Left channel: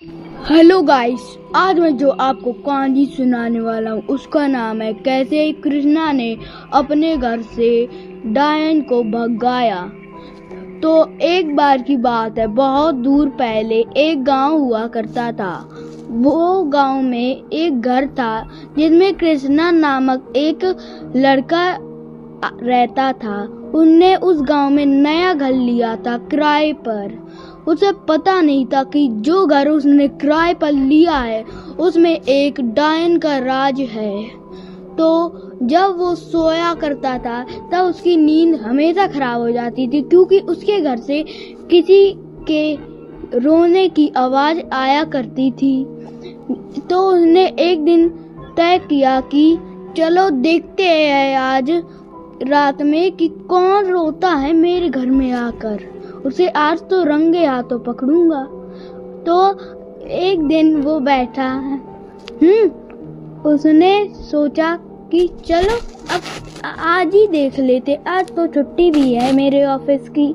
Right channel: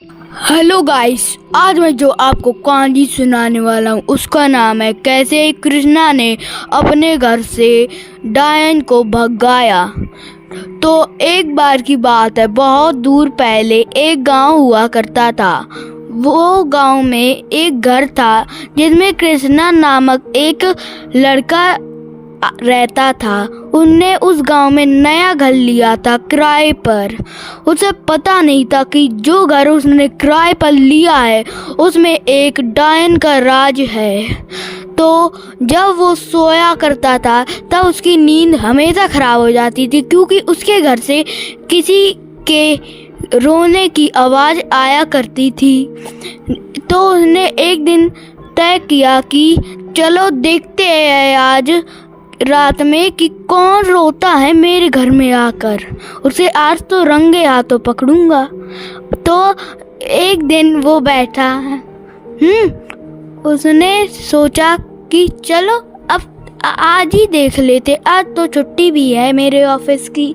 Hello guys, आज मैं जो आपको कहानी सुनाने वाला हूँ उसका नाम है कैसे कृष्णा ने अपने घर से डायन को भगाया। तो एक बार की बात है, बहुत दूर पहले एक गांव हुआ करता था। वो गांव में एक घर था जिसमें कृष्णा नामक एक लड़का रहता था। उनने उस गांव में नया घर लिया था किराए पर। उसे पता नहीं था कि जो घर उसने किराए पर लिया है उसमें एक डायन का राज है। तो जब वो सोया करता था तब उसकी नींद हमेशा खराब हो जाती थी, क्योंकि उसके घर से किसी के रोने की आवाज़ आया करती थी। तो उसने एक दिन तय किया कि चलो देखते हैं आज रात में कि कौन रोता है मेरे घर में आकर। उसे आज तो रंगे हाथों पकड़ूंगा। तो एक दिन वो बैठा उसने सोचा कि चलो अब आज ही देख लेते, आज तो छुट्टी भी है मेरे ऑफिस की।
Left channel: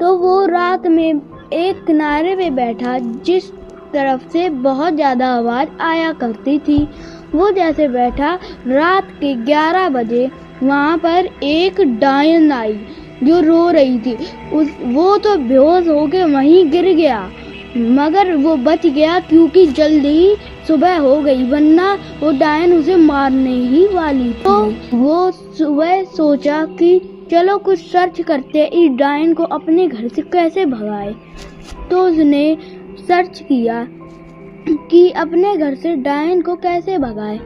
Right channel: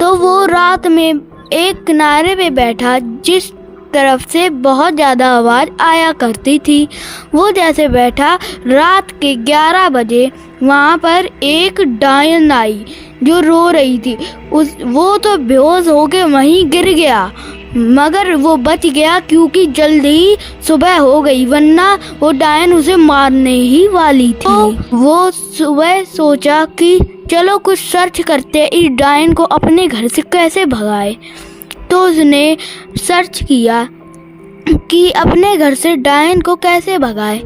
तो वो रात में एक किनारे पे बैठा जिस तरफ से बहुत ज़्यादा आवाज़ आया करती थी। वो जैसे बैठा, रात के 11 बजे वहाँ पर एक डायन आई जो रो रही थी। वो तो बेहोश होके वहीं गिर गया, मगर वो बच गया क्योंकि जल्दी ही सुबह हो गई, वरना वो डायन उसे मारने ही वाली थी। तो वो सुबह सोचा कि चलो कुछ सर्च करते, इस डायन को अपने घर से कैसे भगाए। तो उसने सर्च किया कि अपने घर से डायन को कैसे भगाए।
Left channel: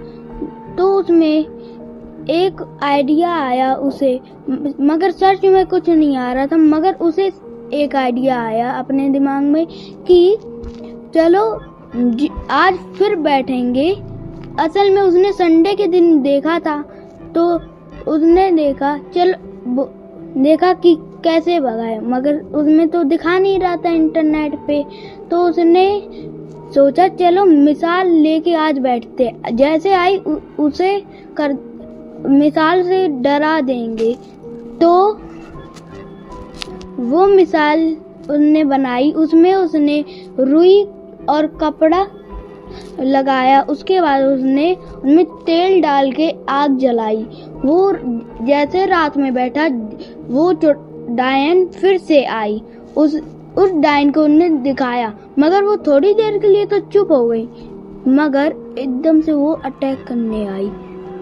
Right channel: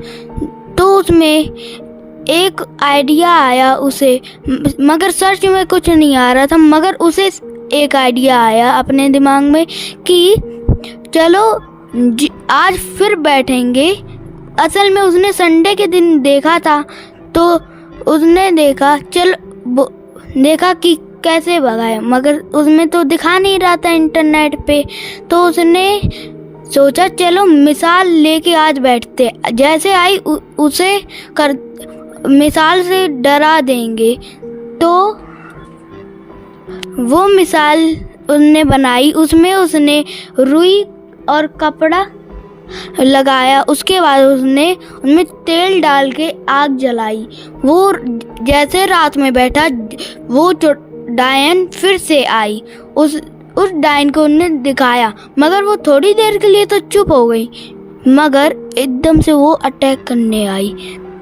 तो उसमें एक आइडिया आया उसे, मगर सर्च में कुछ नहीं आ रहा था, मगर उसे एक आइडिया आया अपने दिमाग में कि चलो आज फिर बैठेंगे। असल में उसने संडे के दिन देखा था, तो उसने देखा कि कैसे भगाए, मगर उसमें तो दिखा नहीं रहा था इंटरनेट पे। तो उसने सोचा चलो मिसाल लेके आज बैठते, जैसे आई उसे मिसाल से डरा देंगे। तो वो मिसाल उसने बनाई, उसमें उसने रुई और कपड़ा लगाया। उसके बाद उसने उनमें तेल डाल के आग जलाई। वो जैसे रात में बैठा, वो डायन फिर से आई। उस डायन को उन्होंने दिखाया, मगर वो थोड़ी देर के लिए तो चुप हो गई, मगर एकदम से वो अटैक करने आई।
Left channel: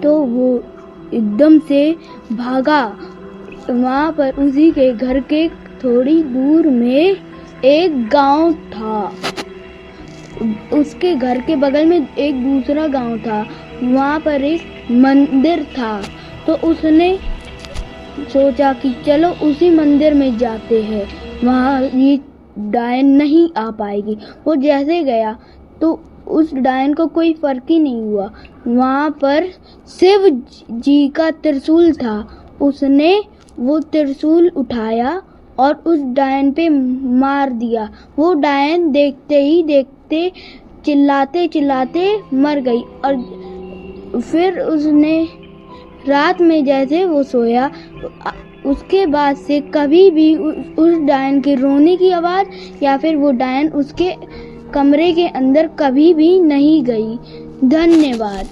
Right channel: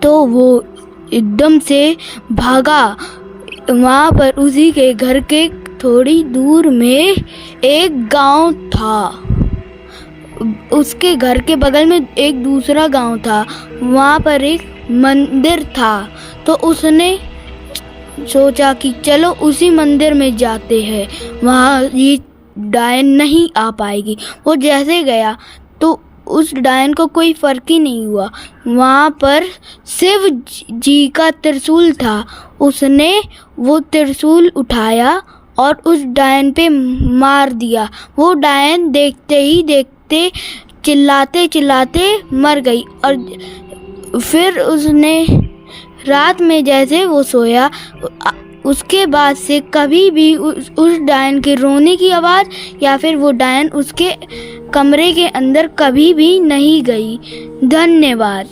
तो वो एकदम से भागा। वहाँ पर उसी के घर के थोड़ी दूर में एक गांव था। उसके घर के बगल में एक दूसरा गांव था, वहाँ पर एक मंदिर था। तो उसने सोचा कि चलो उसी मंदिर में जाते हैं, वहाँ ये डायन नहीं आ पाएगी। वो जैसे गया तो उस डायन को कोई फर्क ही नहीं हुआ। वहाँ पर शिव जी का त्रिशूल था। उसने वो त्रिशूल उठाया और उस डायन पे मार दिया। वो डायन देखते ही देखते चिल्लाते चिल्लाते मर गई। और फिर उसने रात में जैसे वो सोया, उसके बाद से कभी भी उस डायन के रोने की आवाज़ या फिर वो डायन उसके कमरे के अंदर कभी भी नहीं गई। धन्यवाद।